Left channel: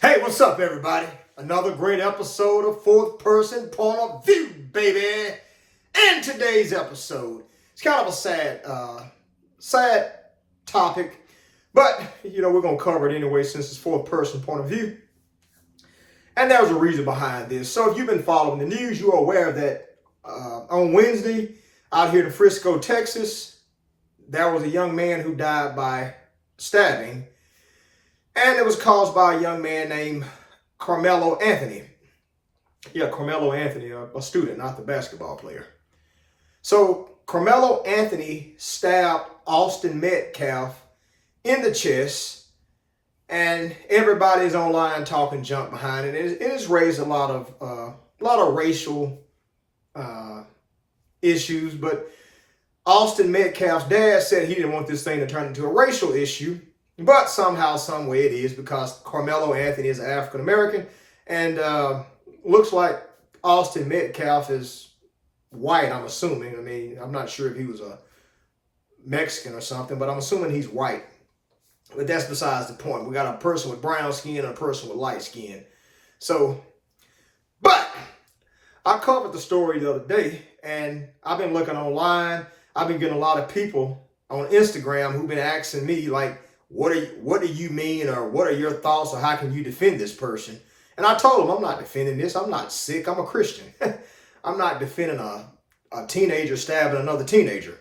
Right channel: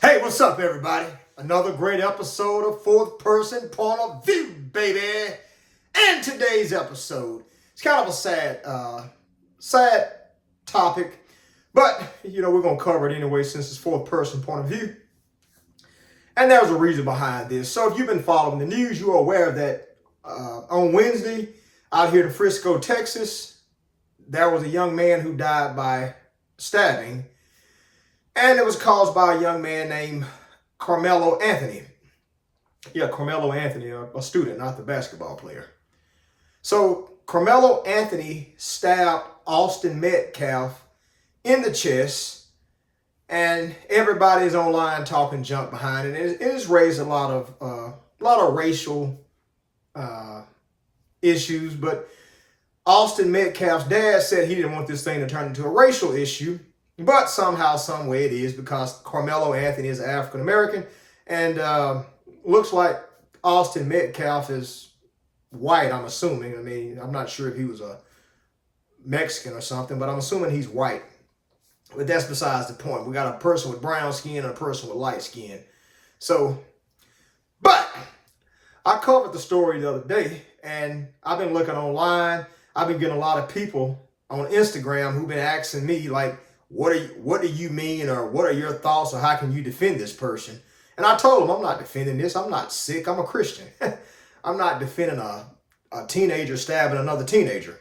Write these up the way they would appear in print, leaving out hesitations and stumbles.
Hey, what's up, everybody? Another great episode of Fourth Person Point of View, baby. And today's episode, it's kind of a sad topic, but we're gonna cover it anyway since it's fourth person point of view. And there's a reason behind this. So if you've been following the news, you are aware that on Wednesday, out here in Frisco, Texas, there was a young man who died by stabbing. And it was caused by a young man named Karmelo Anthony. Yeah, Karmelo Anthony, a student, not the basketball player. So Karmelo Anthony stabbed Austin Metcalf in the chest, and everybody's online talking junk behind it. It has raised a lot of racial issues, but Austin Metcalf's dad said he didn't want this thing to turn into a racial issue. But somehow, some way it is, because Karmelo Anthony is African American, and looks like Austin Metcalf is white, I'm assuming. I mean, I'm not sure if he was a Mexican or something, but I'm assuming he's white. But that's besides the point. We got a person with brown skin and a person with light skin. So, but I covered the story the other day, and I've been looking online. I've been getting a lot of people on Instagram who've been asking me, like, what do you mean, or what are your thoughts, or how can you defend this person? And I told them, I'm not defending this. I'm not sick. I'm a Christian. I'm not defending a teenager stabbing another teenager.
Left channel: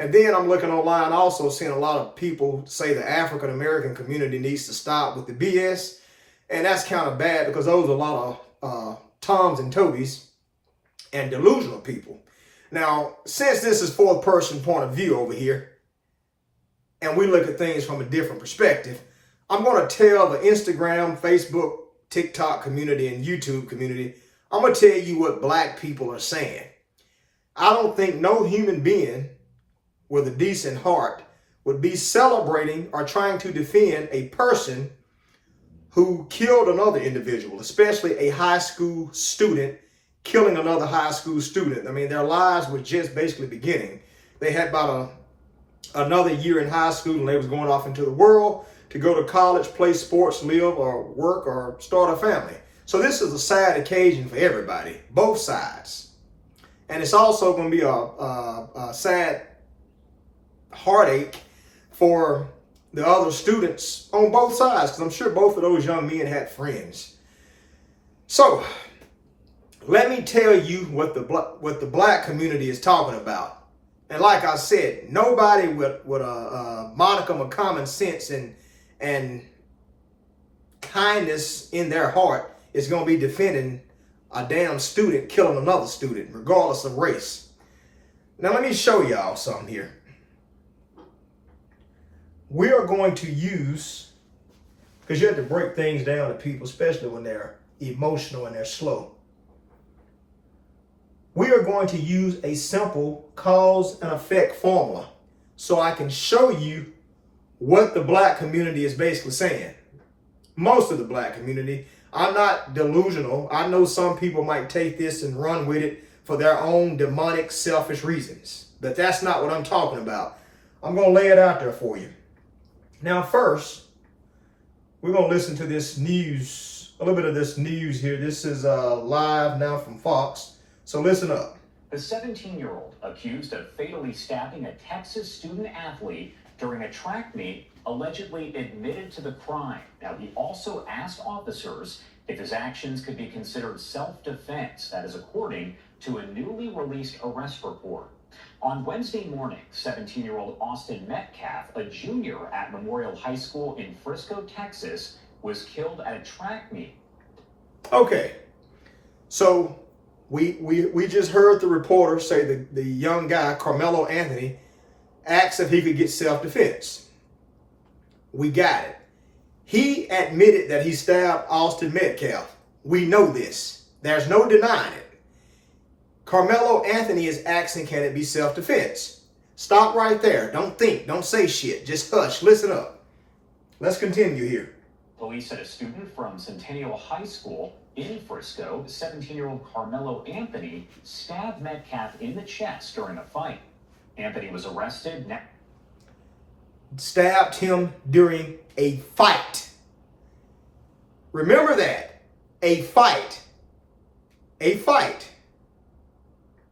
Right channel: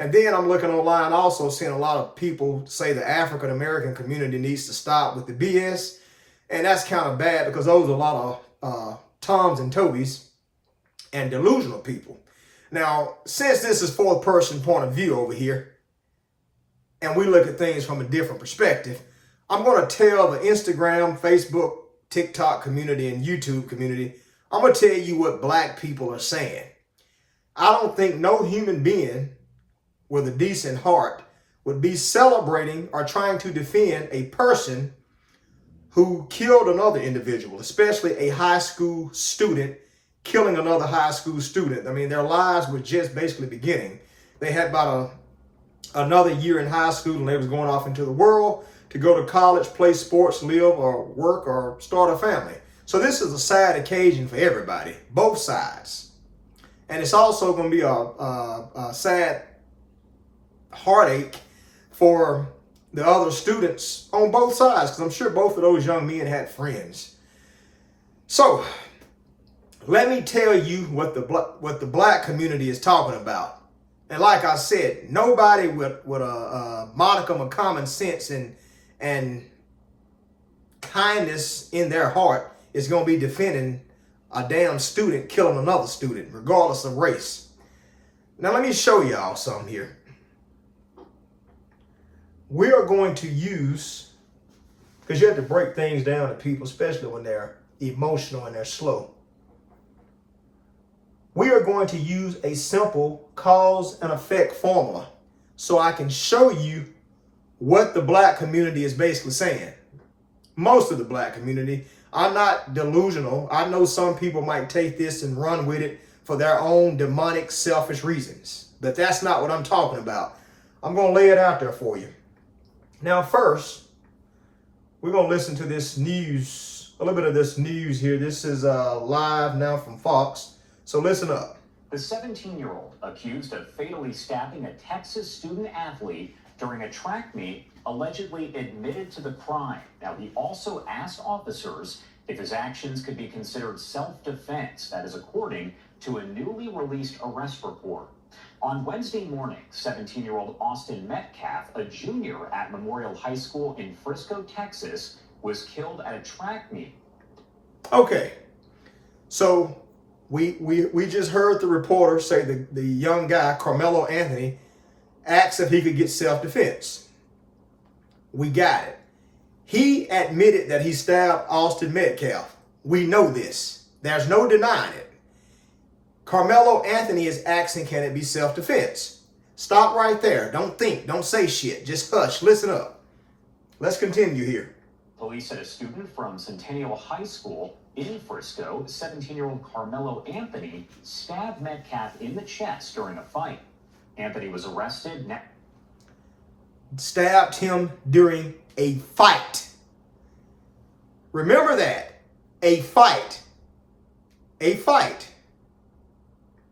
And then I'm looking online, also seeing a lot of people say the African American community needs to stop with the BS. And that's kind of bad, because those are a lot of Toms and Tobys and delusional people. Now, since this is fourth person point of view over here, and we look at things from a different perspective, I'm going to tell the Instagram, Facebook, TikTok community, and YouTube community, I'm going to tell you what black people are saying. I don't think no human being with a decent heart would be celebrating or trying to defend a person who killed another individual, especially a high school student killing another high school student. I mean, their lives were just basically beginning. They had about another year in high school, and they was going off into the world to go to college, play sports, live or work, or start a family. So this is a sad occasion for everybody, both sides. And it's also going to be a sad heartache for the other students on both sides, because I'm sure both of those young men had friends. So let me tell you what the black community is talking about. And like I said, nobody with a modicum of common sense and kindness in their heart is going to be defending a damn student killing another student, regardless of race. Now, let me show y'all something here. We are going to use, because you have to break things down to people, especially when they're emotional and they're slow. We are going to use a simple cause and effect formula so I can show you what the black community is basically saying. Most of the black community. I'm not delusional. I know some people might take this and run with it for their own demonic, selfish reasons. But that's not what I'm talking about. I'm going to lay it out there for you. Now, first, we're going to listen to this news, a little bit of this news here. This is live now from Fox. So listen up. The 17-year-old accused of fatally stabbing a Texas student athlete during a track meet allegedly admitted to the crime. Now, he also asked officers if his actions could be considered self-defense. That is according to a newly released arrest report. On Wednesday morning, 17-year-old Austin Metcalf, a junior at Memorial High School in Frisco, Texas, was killed at a track meet. Okay, so we just heard the reporter say the young guy, Karmelo Anthony, asked if he could get self-defense. We got it. He admitted that he stabbed Austin Metcalf. We know this. There's no denying it. Karmelo Anthony is asking, can it be self-defense? Stop right there. Don't think. Don't say shit. Just hush. Listen up. Let's continue here. Police said a student from Centennial High School in Frisco, 17-year-old Karmelo Anthony, stabbed Metcalf in the chest during a fight. Anthony was arrested. Stabbed him during a fight. Remember that. A fight. A fight.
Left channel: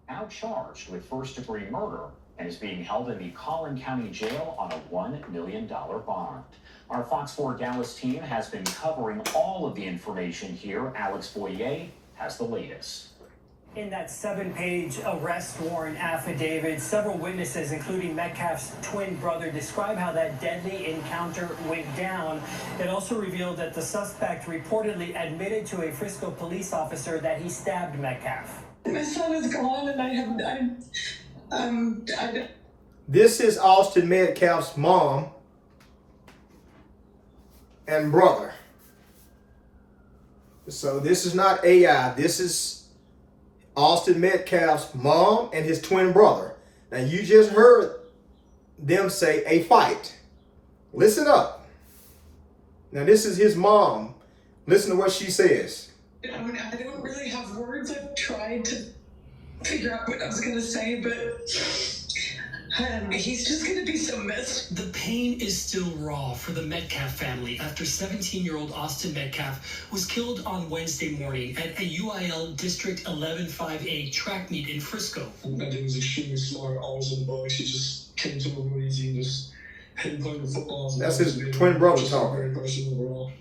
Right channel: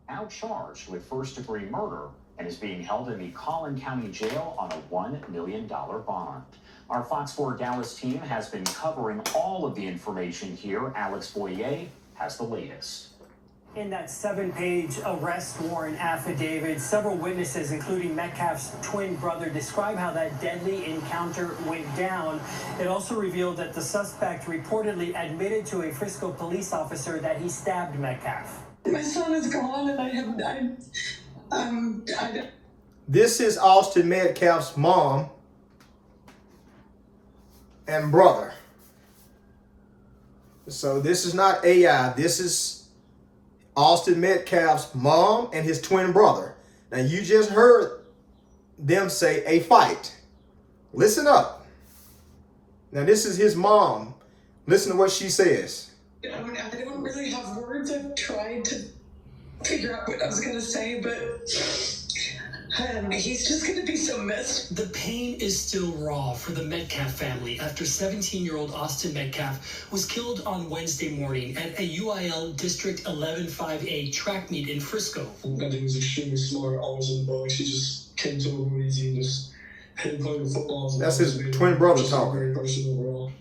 Now charged with first-degree murder and is being held in the Collin County Jail on a $1 million bond. Our Fox 4 Dallas team has been covering all of the information here. Alex Boyer has the latest. In that 7-page arrest warrant affidavit, several witnesses, including Metcalf's twin brother, describe how that deadly encounter went down. It also revealed that the suspect reportedly admitted to a Frisco police officer that he stabbed Metcalf. My son is gone, and I This is Austin Metcalf's mom and brother. So this is not AI. This is Austin Metcalf's mom and his twin brother. Now you just heard them say a fight. Listen up. Now this is his mom. Listen to what she says. I don't really have words. I've tried to figure out what I was going to say, but he's just going to be so missed. The pain is still raw for the Metcalf family after 17-year-old Austin Metcalf was killed on Wednesday morning at a UIL District 11-5A track meet in Frisco. I think he was extremely smart, always in the box. He just came to him easy and just hit playing the football. That's his twin brother talking.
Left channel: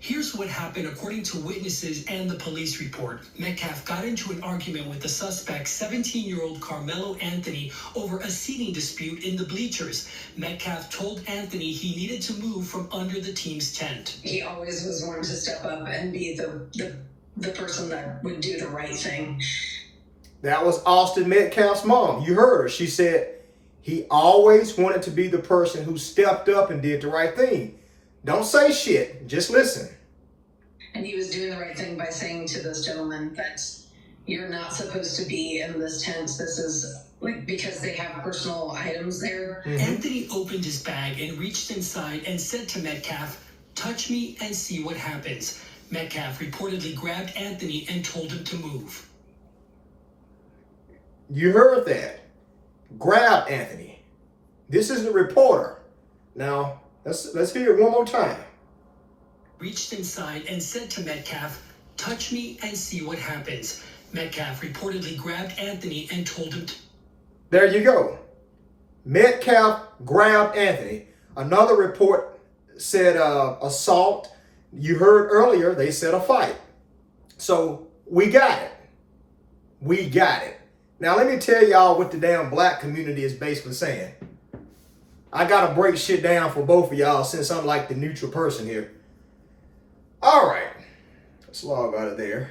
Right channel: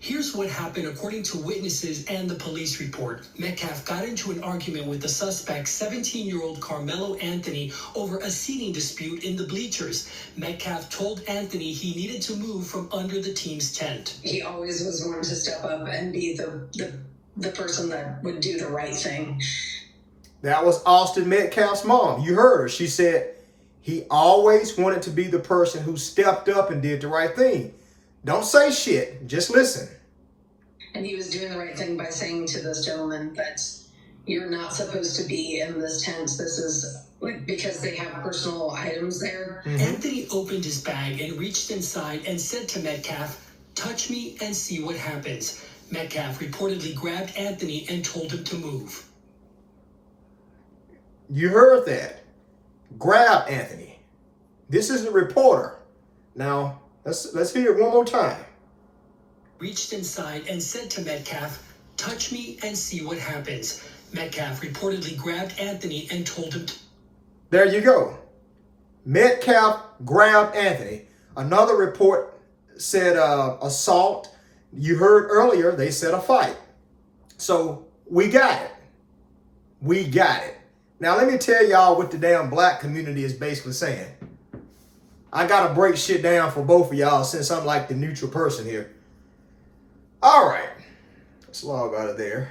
Here's what happened according to witnesses and the police report. Metcalf got into an argument with the suspect, 17-year-old Karmelo Anthony, over a seating dispute in the bleachers. Metcalf told Anthony he needed to move from under the team's tent. He always was one to step up and be the person that would do the right thing. That was Austin Metcalf's mom. You heard her. She said he always wanted to be the person who stepped up and did the right thing. Don't say shit. Just listen. And he was doing the right thing by saying to this gentleman that you're not supposed to be in this tent. This is because they have personal items there. Mm-hmm. Anthony opened his bag and reached inside and said to Metcalf, "Touch me and see what happens." Metcalf reportedly grabbed Anthony and told him to move. You heard that. Grab Anthony. This is the reporter. Now, let's hear it one more time. Reached inside and said to Metcalf, "Touch me and see what happens." Metcalf reportedly grabbed Anthony and told him to... There you go. Metcalf grabbed Anthony. Another report said assault. You heard earlier they said a fight. So we got it. We got it. Now let me tell y'all what the damn black community is basically saying. I gotta break shit down for both of y'all since I'm like the neutral person here. All right, let's log out of there.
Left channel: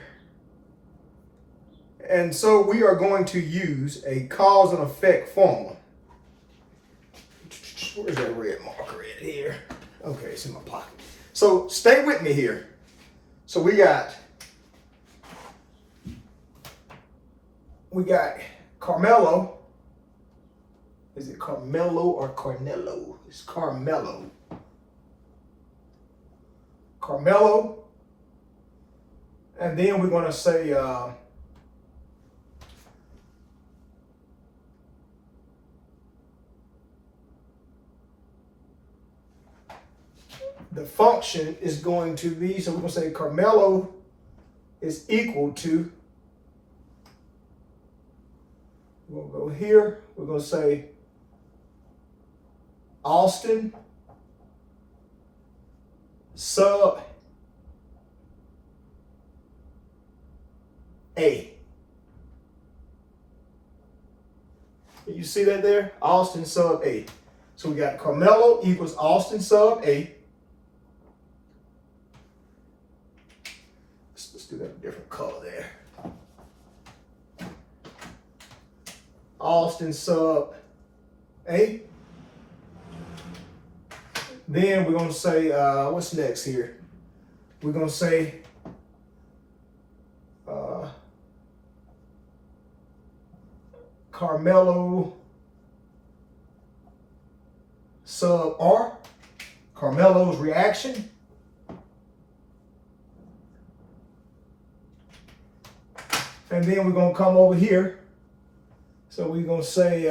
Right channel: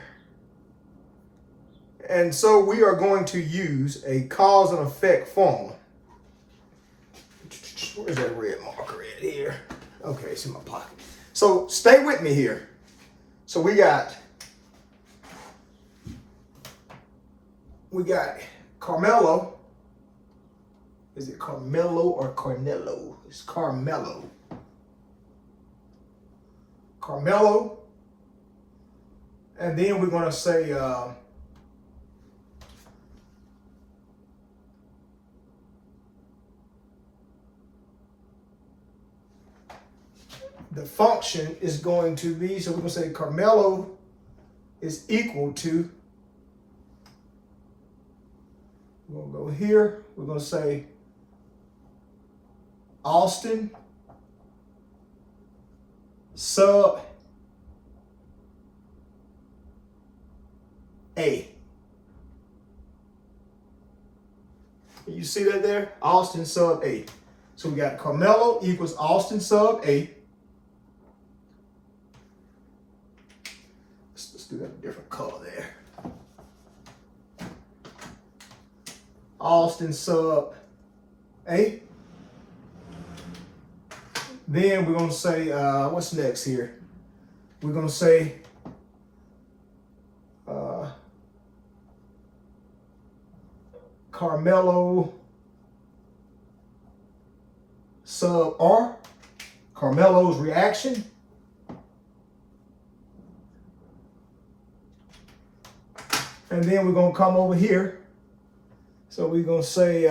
And so we are going to use a cause and effect formula. Where's that red marker at here? Okay, it's in my pocket. So stay with me here. So we got Karmelo. Is it Karmelo or Karnello? It's Karmelo. Karmelo. And then we're going to say the function is going to be, so we're going to say Karmelo is equal to, we're going to go here, we're going to say Austin sub A. You see that there? Austin sub A. So we got Karmelo equals Austin sub A. Let's do that a different color there. Austin sub A. Then we're going to say, what's next here? We're going to say Karmelo sub R. Karmelo's reaction. And then we're going to come over here. So we're going to say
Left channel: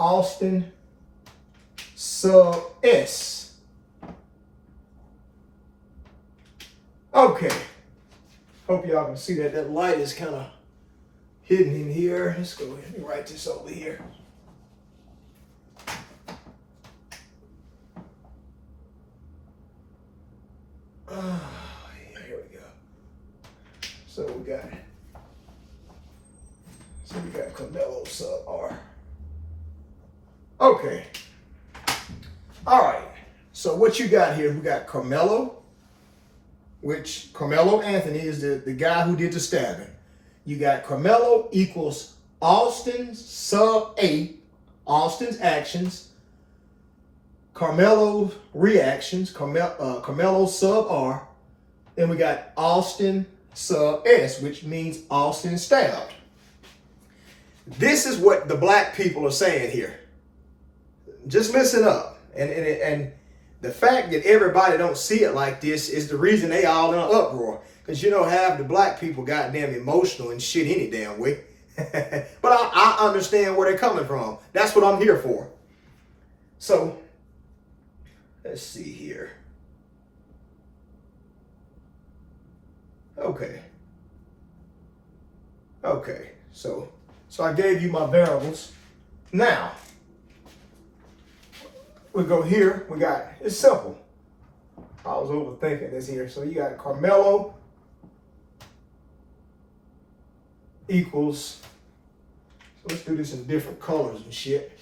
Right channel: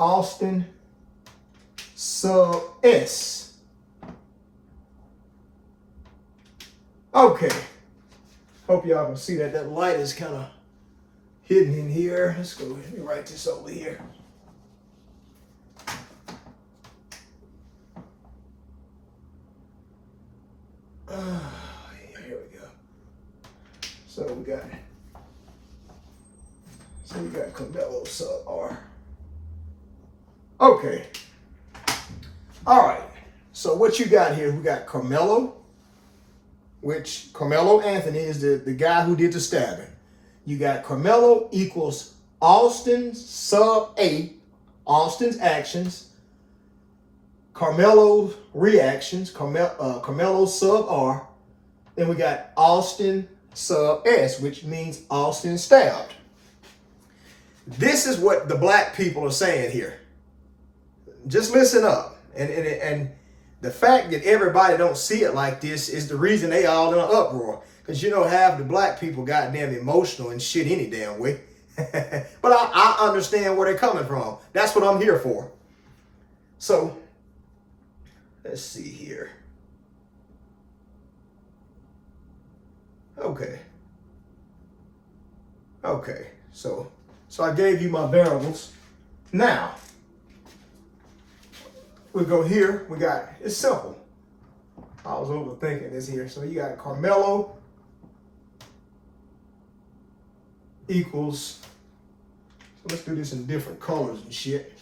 Austin sub S. Okay. Hope y'all can see that. That light is kind of hidden in here. Let's go ahead and write this over here. Here we go. So we got Karmelo sub R. Okay. All right. So what you got here? We got Karmelo, which Karmelo Anthony is the guy who did the stabbing. You got Karmelo equals Austin sub A, Austin's actions, Karmelo's reactions, Karmelo sub R, and we got Austin sub S, which means Austin stabbed. This is what the black people are saying here. Just listen up. And the fact that everybody don't see it like this is the reason they all in an uproar. Because, you know, half the black people goddamn emotional and shit any damn way. But I understand where they're coming from. That's what I'm here for. So, let's see here. Okay. So I gave you my variables. Now, we go here. It's simple. I was overthinking this here. So you got Karmelo equals, let's do this in different colors and shit.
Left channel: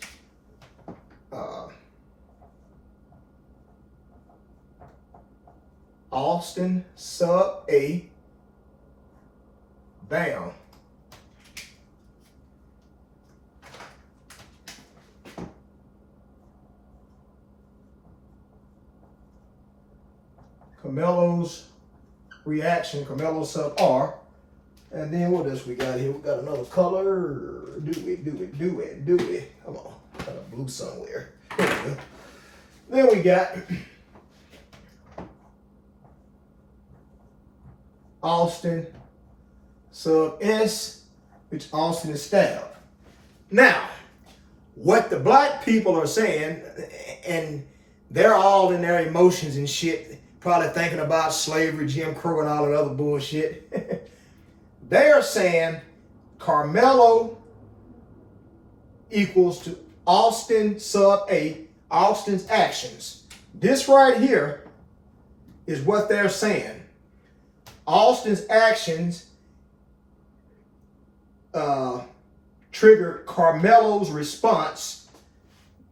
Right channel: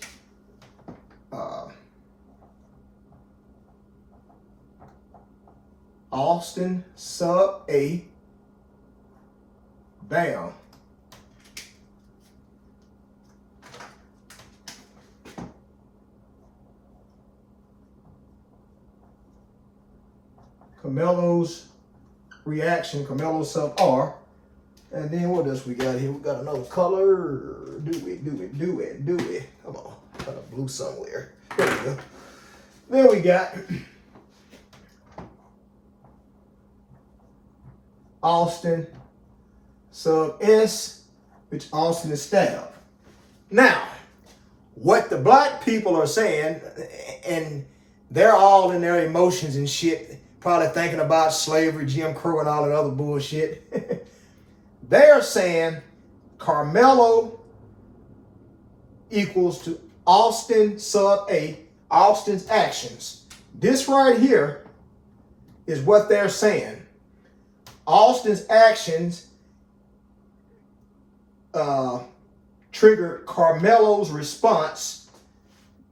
Austin sub A, bam. Karmelo's reaction, Karmelo sub R. And then what else we got here? We got another color. Do it. Come on. Got a blue somewhere. There we go. Then we got Austin sub S, which Austin is stabbed. Now, what the black people are saying, and they're all in their emotions and shit, probably thinking about slavery, Jim Crow, and all that other bullshit. They're saying Karmelo equals to Austin sub A, Austin's actions. This right here is what they're saying. Austin's actions triggered Karmelo's response,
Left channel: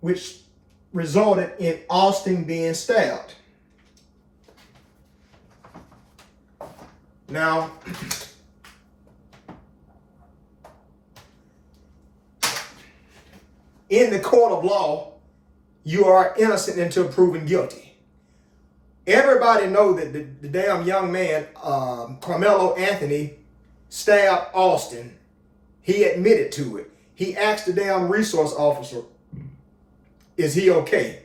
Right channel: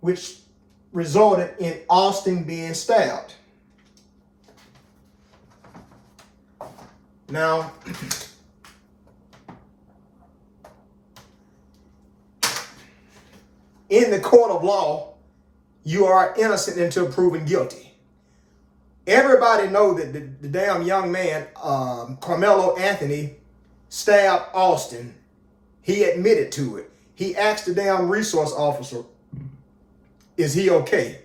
which resulted in Austin being stabbed. Now, in the court of law, you are innocent until proven guilty. Everybody know that the damn young man, Karmelo Anthony, stabbed Austin. He admitted to it. He asked the damn resource officer, is he okay?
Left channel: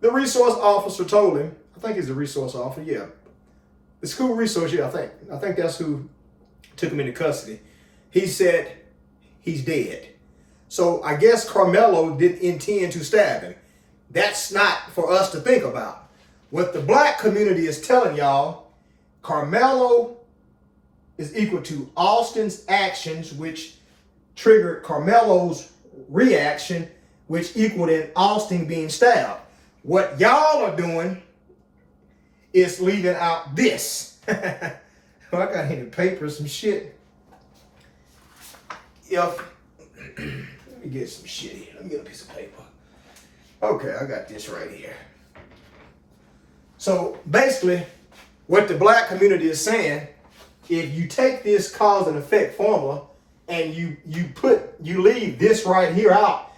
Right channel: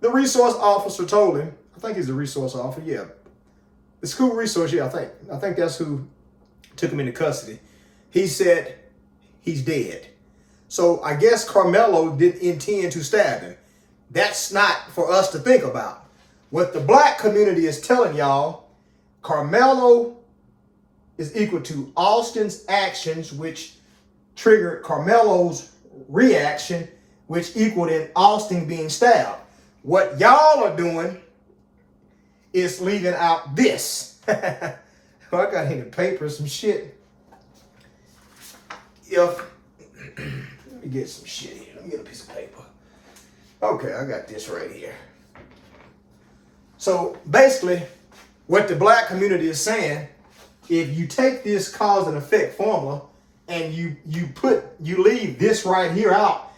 The resource officer told him, I think he's the resource officer, yeah. The school resource, yeah, I think that's who took him into custody. He said he's dead. So I guess Karmelo didn't intend to stab him. That's not for us to think about. What the black community is telling y'all, Karmelo is equal to Austin's actions, which triggered Karmelo's reaction, which equaled in Austin being stabbed. What y'all are doing is leaving out this. I got here paper, some shit. Let me get some shit here. Let me get a piece of paper. Okay, I got this right here. So basically, what the black community is saying, if you take this cause and effect formula and you leave this right here out,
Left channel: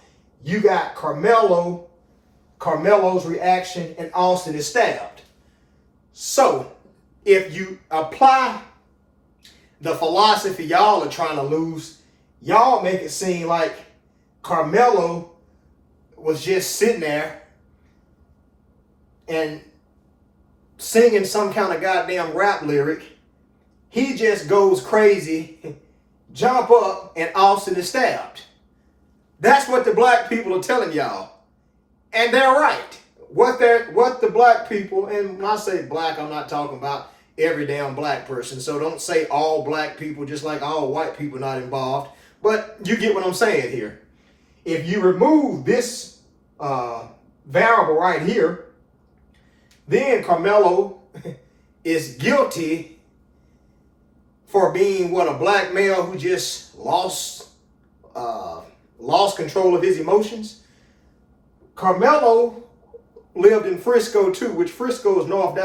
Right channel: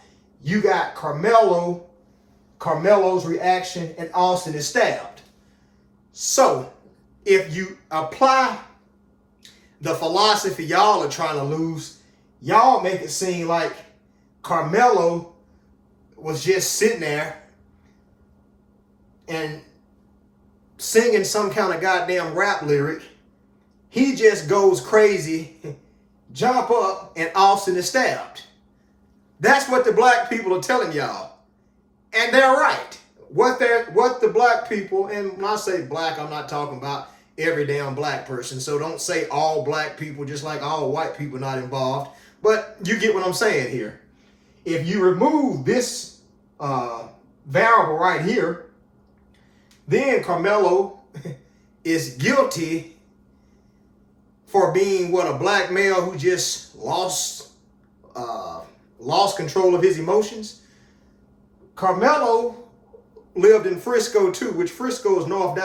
you got Karmelo's reaction, and Austin is stabbed. So if you apply the philosophy y'all are trying to lose, y'all make it seem like Karmelo was just sitting there and singing some kind of goddamn rap lyric. He just goes crazy, jump up, and Austin is stabbed. That's what the black people are telling y'all. And they're right. What the black people, and when I say black, I'm not talking about every damn black person. So don't say all black people, just like all white people not involved. But you get what I'm saying here. If you remove this variable right here, then Karmelo is guilty for being a black male who just lost control of his emotions. Karmelo lived in Frisco too, which Frisco is north of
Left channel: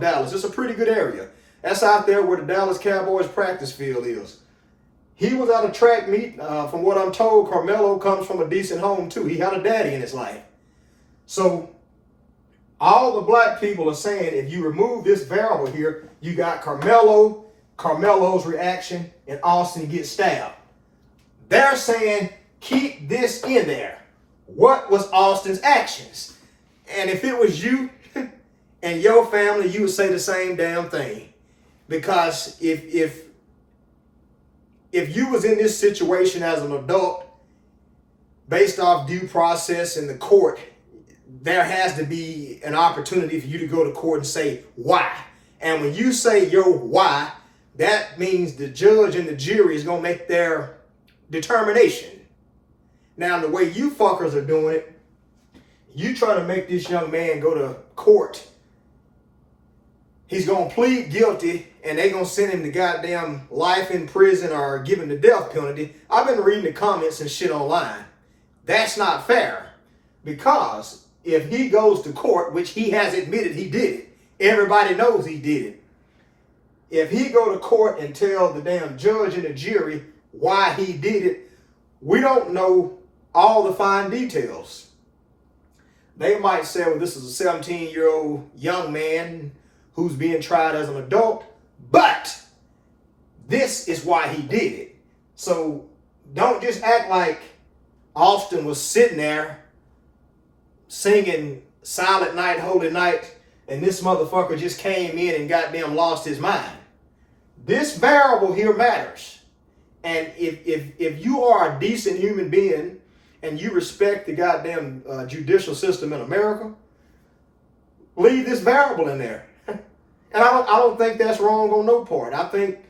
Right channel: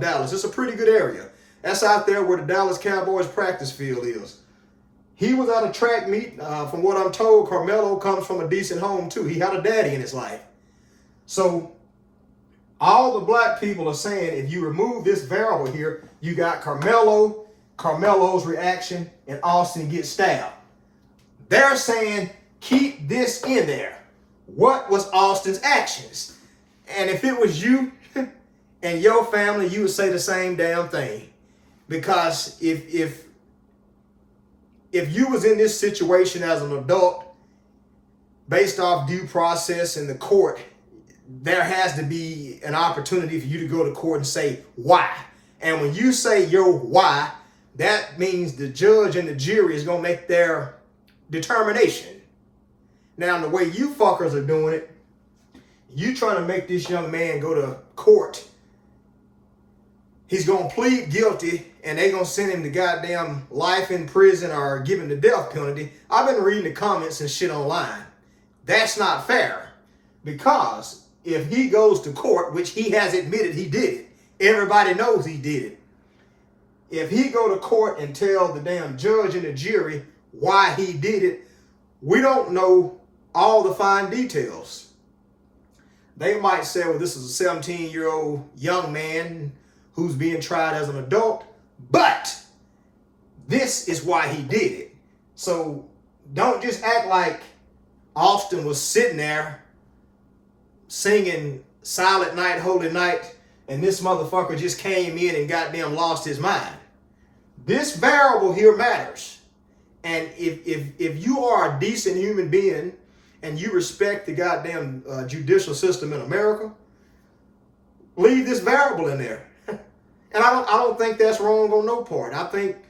Dallas. It's a pretty good area. That's out there where the Dallas Cowboys practice field is. He was at a track meet. From what I'm told, Karmelo comes from a decent home too. He had a daddy in his life. So all the black people are saying if you remove this variable here, you got Karmelo's reaction, and Austin gets stabbed. They're saying keep this in there. What was Austin's actions? And if it was you and your family, you would say the same damn thing. Because if you was in this situation as an adult, based off due process in the court, there has to be an opportunity for you to go to court and say why. And when you say your why, that means the judge and the jury is going to make their determination. Now, the way you fuckers are doing it, you trying to make this young man go to court. He's going to plead guilty and they're going to send him to goddamn life in prison or give him the death penalty. I've been reading the comments and shit online. That's not fair, because if he goes to court, which he has admitted he did it, everybody knows he did it. If he go to court and tell the damn judge and the jury why he did it, we don't know all the fine details. They might say, well, this is a 17-year-old young man who's being tried as an adult, but this is why he did it. So don't just act like Austin was sitting there singing Silent Night, Holy Night, and this motherfucker just came in and goddamn lost his mind. This variable here matters. And if you are a decent human being and you respect the goddamn judicial system in America, leave this variable in there. And I don't think that's wrong on no part. I think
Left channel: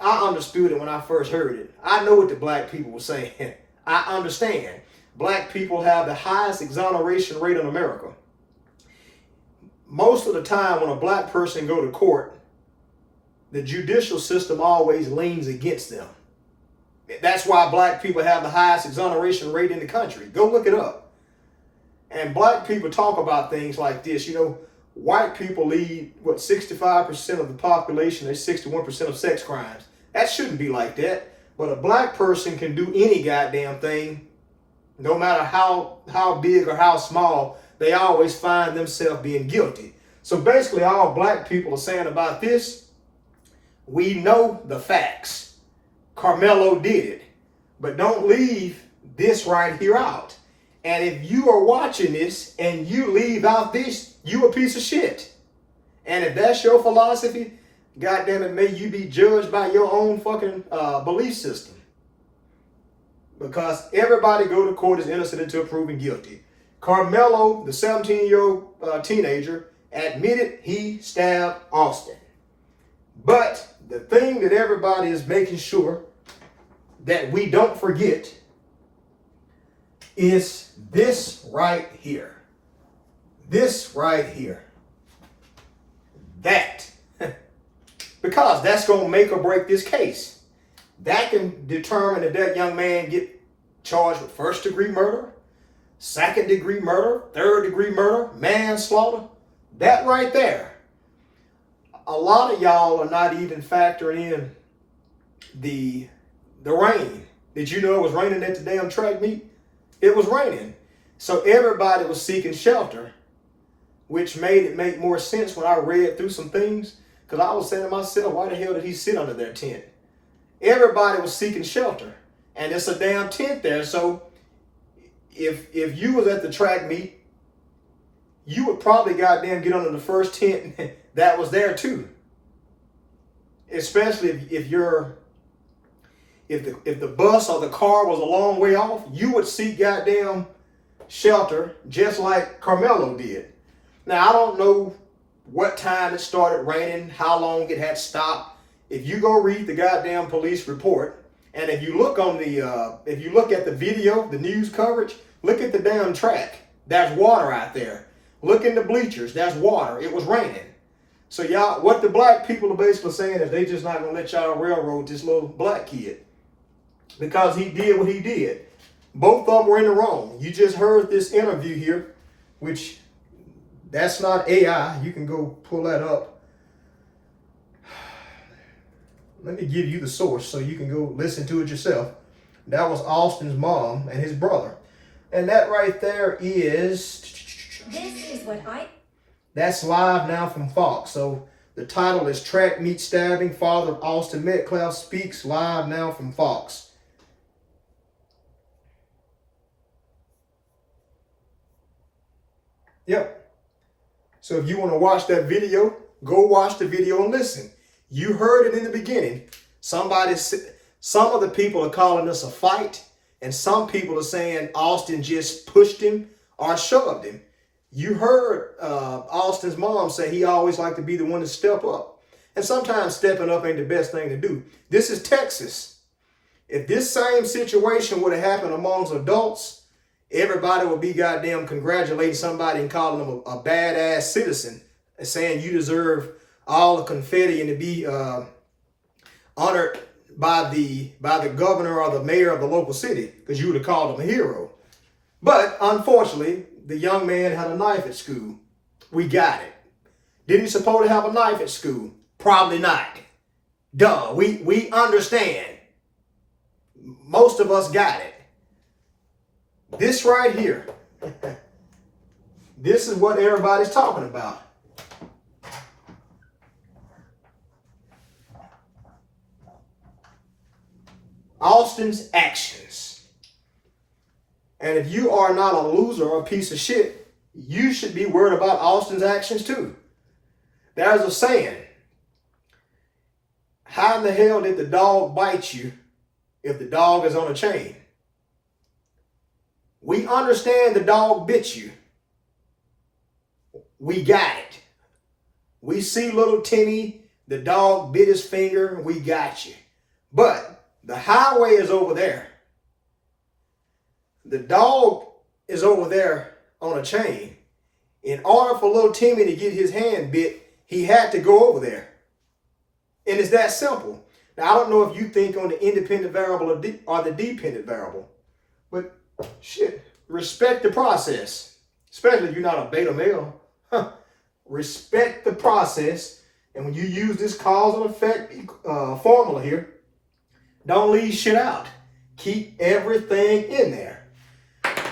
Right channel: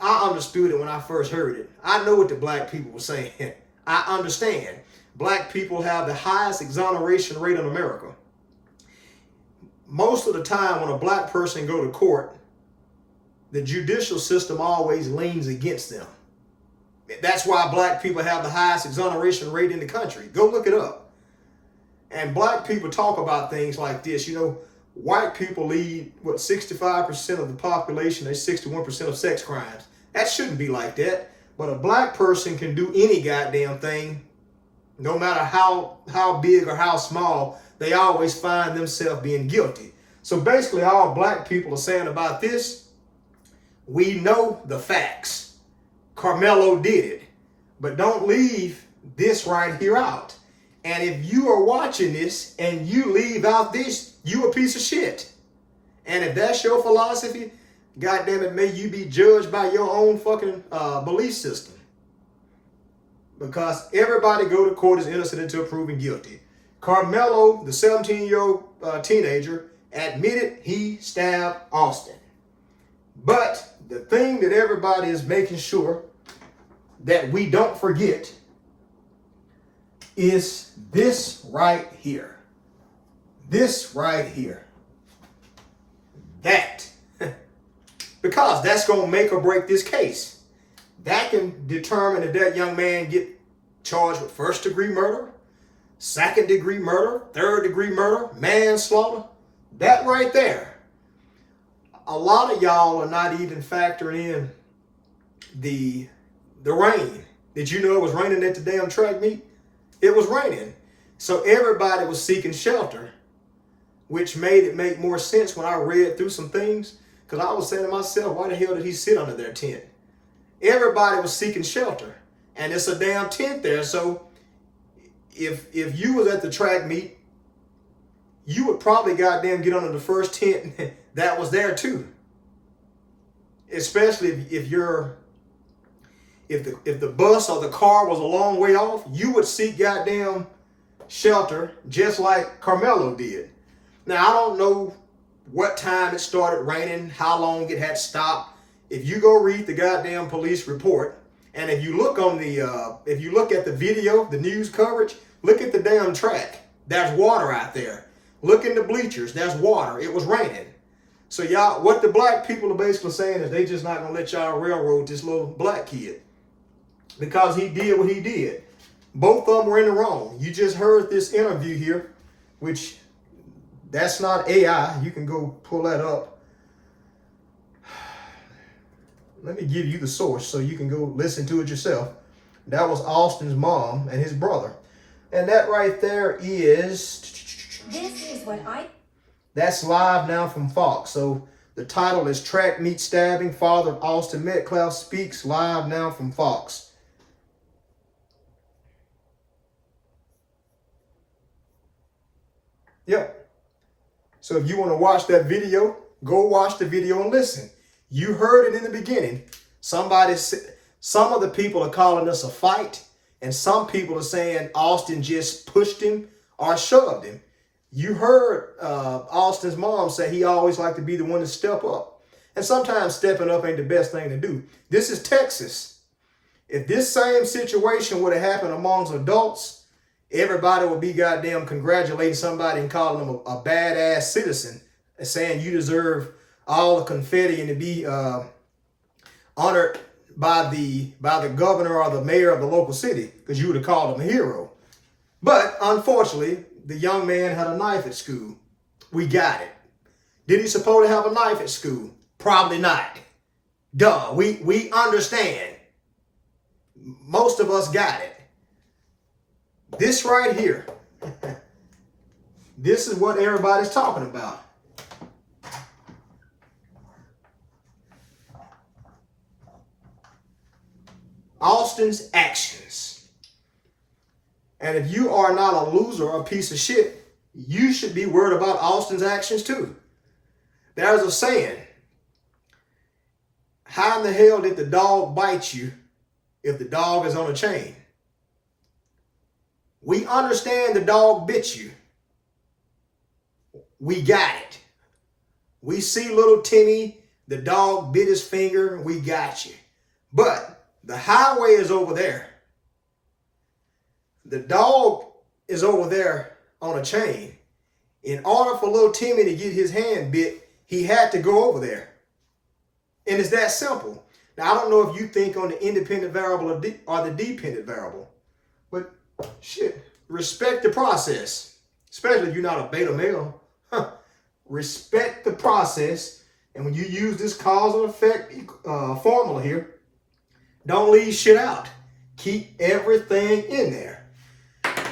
I understood it when I first heard it. I know what the black people were saying. I understand. Black people have the highest exoneration rate in America. Most of the time when a black person go to court, the judicial system always leans against them. That's why black people have the highest exoneration rate in the country. Go look it up. And black people talk about things like this. You know, white people lead, 65% of the population, they're 61% of sex crimes. That shouldn't be like that. But a black person can do any goddamn thing, no matter how big or how small, they always find themselves being guilty. So basically all black people are saying about this, we know the facts. Karmelo did it. But don't leave this right here out. And if you are watching this and you leave out this, you a piece of shit. And if that's your philosophy, goddamn it, may you be judged by your own fucking belief system. Because everybody go to court is innocent until proven guilty. Karmelo, the 17-year-old teenager, admitted he stabbed Austin. But the thing that everybody is making sure that we don't forget is this right here. This right here. That. Because that's going to make or break this case. That can determine if that young man get charged with first-degree murder, second-degree murder, third-degree murder, manslaughter. That right there. A lot of y'all are not even factoring in the rain. Did you know it was raining at the damn track meet? It was raining. So everybody was seeking shelter, which made it make more sense when I read through some things. Because I was saying to myself, why the hell did he sit under their tent? Everybody was seeking shelter. And it's a damn tent there. So if you was at the track meet, you would probably goddamn get under the first tent that was there too. Especially if if the bus or the car was a long way off, you would seek goddamn shelter just like Karmelo did. Now, I don't know what time it started raining, how long it had stopped. If you go read the goddamn police report, and if you look on the, if you look at the video, the news coverage, look at the damn track. There's water out there. Look in the bleachers. There's water. It was raining. So y'all, what the black people are basically saying is they just not gonna let y'all railroad this little black kid because he did what he did. Both of them were in the wrong. You just heard this interview here, which that's not AI. You can go pull that up. Let me give you the source so you can go listen to it yourself. That was Austin's mom and his brother. And that right there is... This is what That's live now from Fox. So the title is Track Meet Stabbing. Father of Austin Metcalf speaks live now from Fox. Yep. So if you want to watch that video, go watch the video and listen. You heard it in the beginning. Some of the people are calling this a fight, and some people are saying Austin just pushed him or shoved him. You heard Austin's mom say he always liked to be the one to step up. And sometimes stepping up ain't the best thing to do. This is Texas. If this same situation would have happened amongst adults, everybody would be goddamn congratulating somebody and calling them a badass citizen and saying you deserve all the confetti and to be honored by the governor or the mayor of the local city, because you would have called him a hero. But unfortunately, the young man had a knife at school. We got it. Did he supposed to have a knife at school? Probably not. Duh, we understand. Most of us got it. This right here, this is what everybody's talking about. Austin's actions. And if you are not a loser or a piece of shit, you should be worried about Austin's actions too. There's a saying, how in the hell did the dog bite you if the dog is on a chain? We understand the dog bit you. We got it. We see little Timmy, the dog bit his finger, we got you. But the highway is over there. The dog is over there on a chain. In order for little Timmy to get his hand bit, he had to go over there. And it's that simple. Now, I don't know if you think on the independent variable or the dependent variable, but shit, respect the process, especially if you're not a beta male. Respect the process. And when you use this cause and effect formula here, don't leave shit out. Keep everything in there.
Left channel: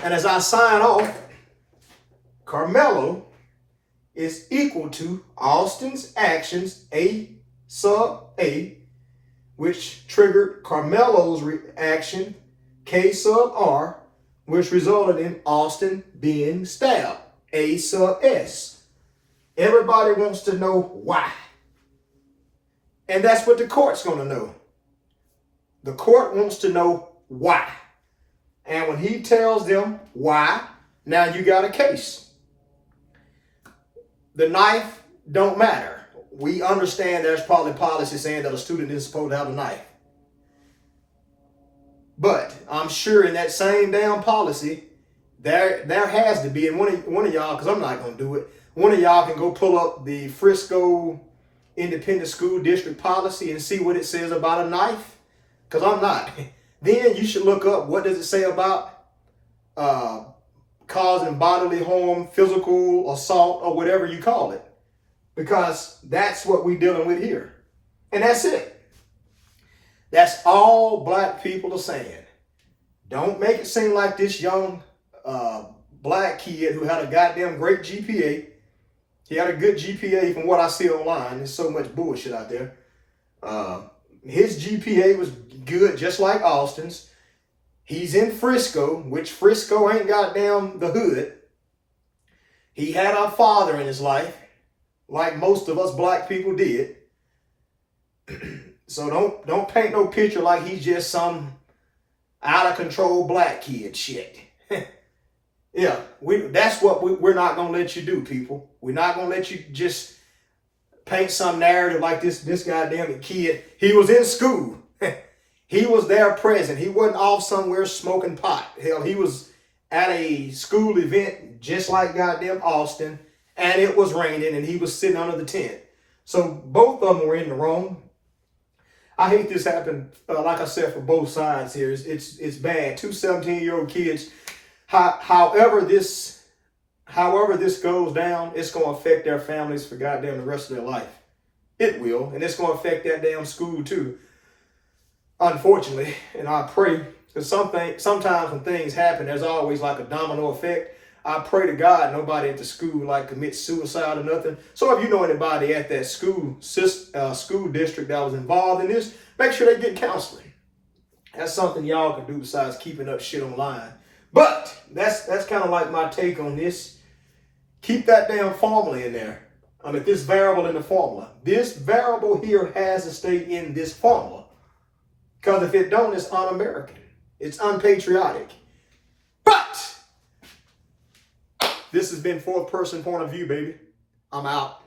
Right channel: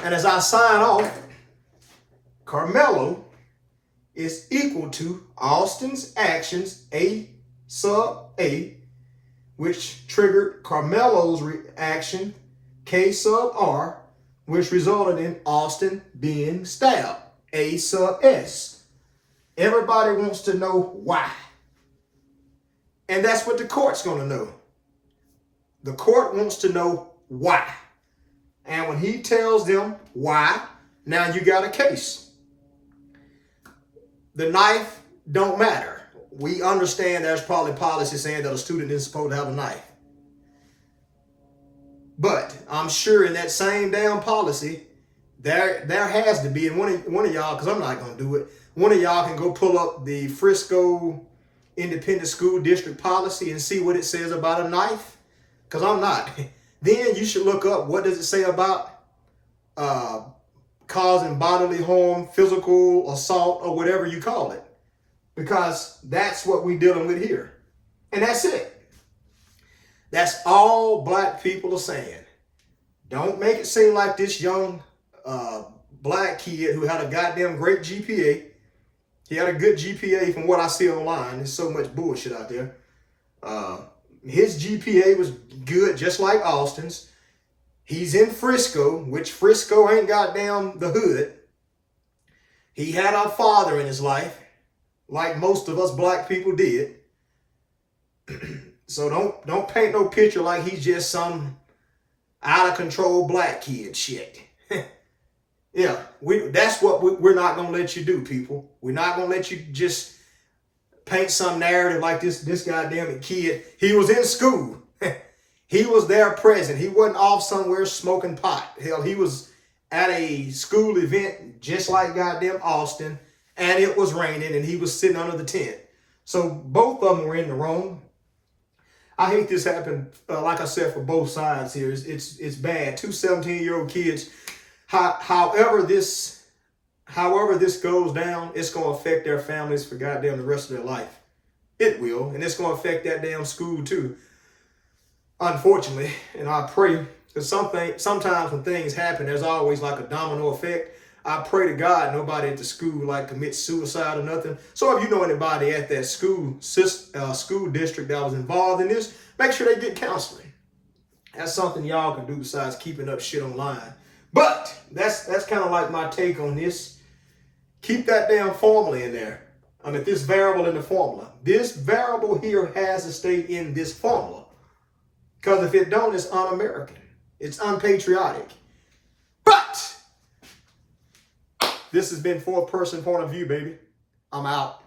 And as I sign off, Karmelo is equal to Austin's actions, A sub A, which triggered Karmelo's reaction, K sub R, which resulted in Austin being stabbed, A sub S. Everybody wants to know why. And that's what the court's going to know. The court wants to know why. And when he tells them why, now you got a case. The knife don't matter. We understand there's probably policy saying that a student isn't supposed to have a knife. But I'm sure in that same damn policy, there has to be, and one of y'all, because I'm not going to do it, one of y'all can go pull up the Frisco Independent School District policy and see what it says about a knife, because I'm not. Then you should look up what does it say about causing bodily harm, physical assault, or whatever you call it. Because that's what we're dealing with here. And that's it. That's all black people are saying. Don't make it seem like this young black kid who had a goddamn great GPA. He had a good GPA from what I see online. There's so much bullshit out there. His GPA was good, just like Austin's. He's in Frisco, which Frisco ain't goddamn the hood. He had a father in his life, like most of us black people did. So don't paint no picture like he's just some out of control black kid shit. Yeah, that's what we're not gonna let you do, people. We're not gonna let you just paint some narrative like this goddamn kid. He was in school. He was there present. He wasn't off somewhere smoking pot. Hell, he was at a school event just like goddamn Austin, and it was raining, and he was sitting under the tent. So both of them were in the wrong. I hate this happened, like I said, for both sides here. It's bad. Two 17-year-old kids. However this goes down, it's going to affect their families for goddamn the rest of their life. It will, and it's going to affect that damn school too. Unfortunately, and I pray, because sometimes when things happen, there's always like a domino effect. I pray to God nobody at the school like commits suicide or nothing. So if you know anybody at that school district that was involved in this, make sure they get counseling. That's something y'all can do besides keeping up shit online. But that's kind of like my take on this. Keep that damn formula in there. I mean, this variable in the formula. This variable here has to stay in this formula. Because if it don't, it's un-American. It's unpatriotic. But this has been fourth person point of view, baby. I'm out.